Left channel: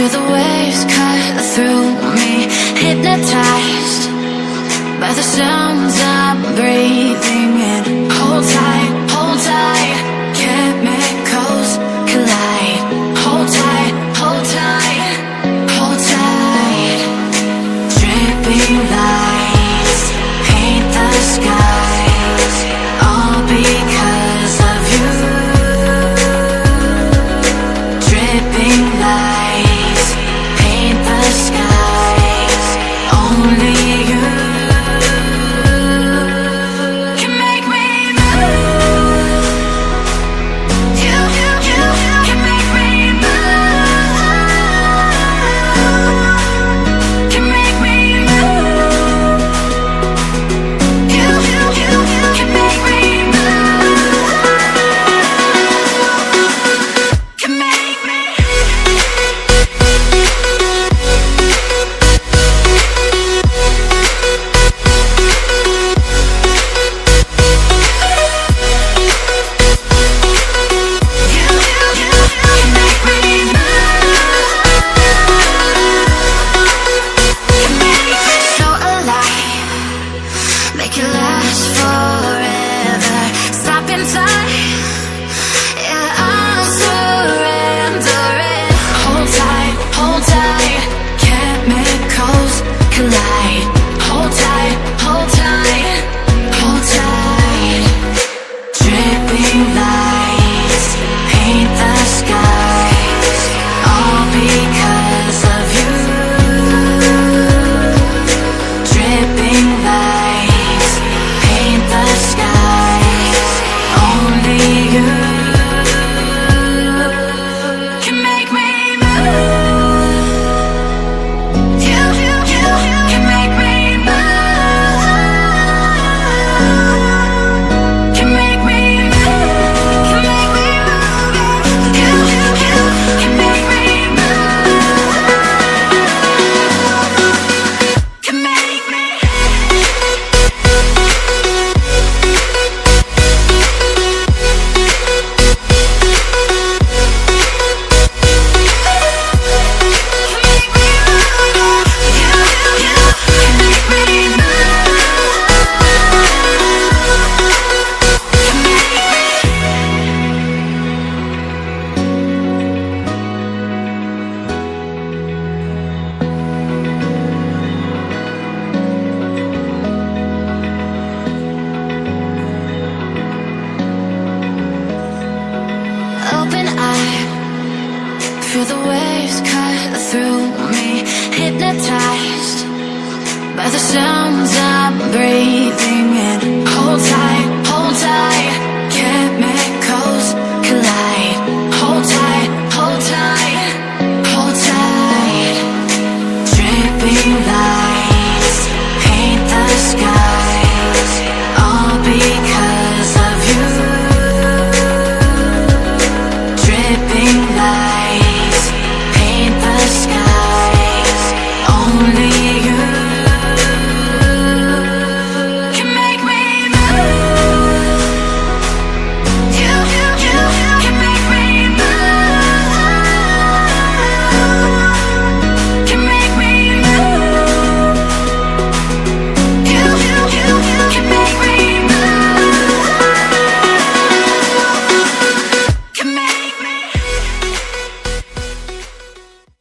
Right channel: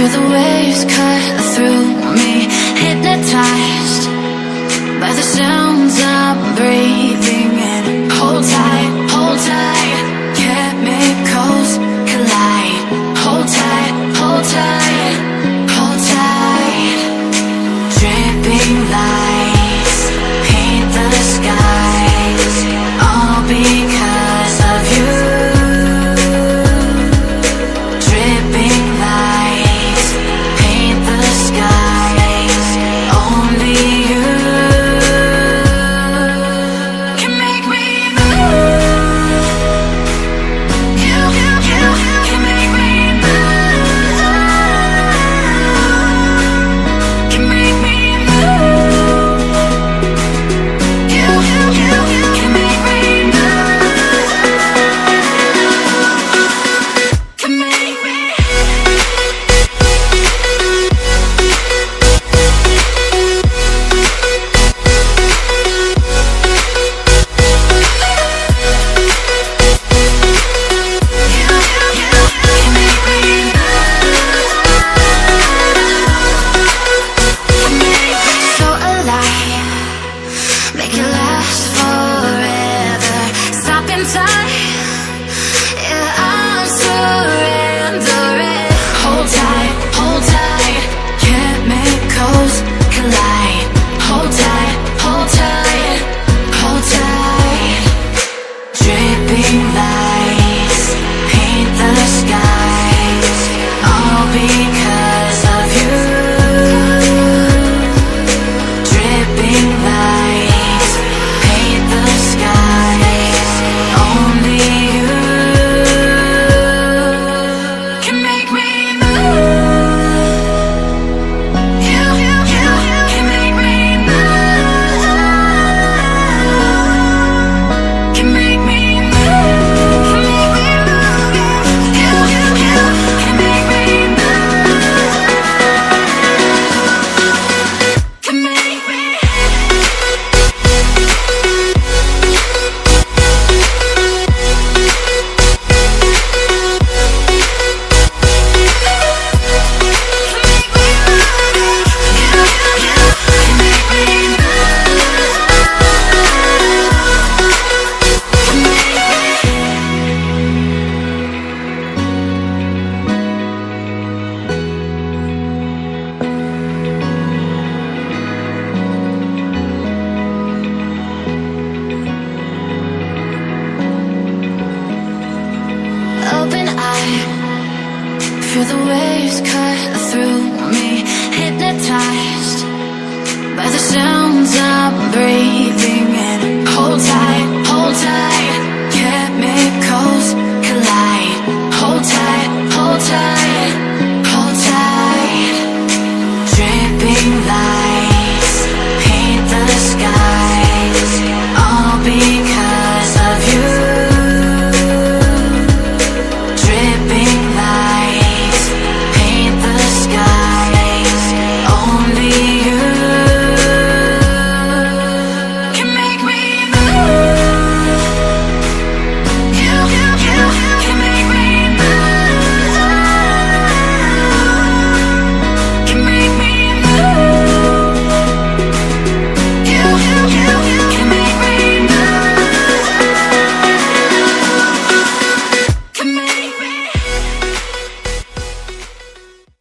Feel the waves cut through me, hypnotized by the sounds I'm breathing in. Hold tight, hold tight, chemicals collide. Hold tight, hold tight, hold tight. Dripping lights paint the skies, all because of you. Dripping lights paint the skies, only you can make me move. You can make me move. Can make me move. You can make me move. Can make me. So alive, make it last forever. Stop in time, yeah, I'm surrendering. Hold tight, chemicals collide. Hold tight, hold tight, hold tight. Dripping lights paint the skies, all because of you. Dripping lights paint the skies, only you can make me move. You can make me move. Can make me move. Can make me move. You can make me move. Can make me. Open eye, feel the waves cut through me, hypnotized by the sounds I'm breathing in. Hold tight,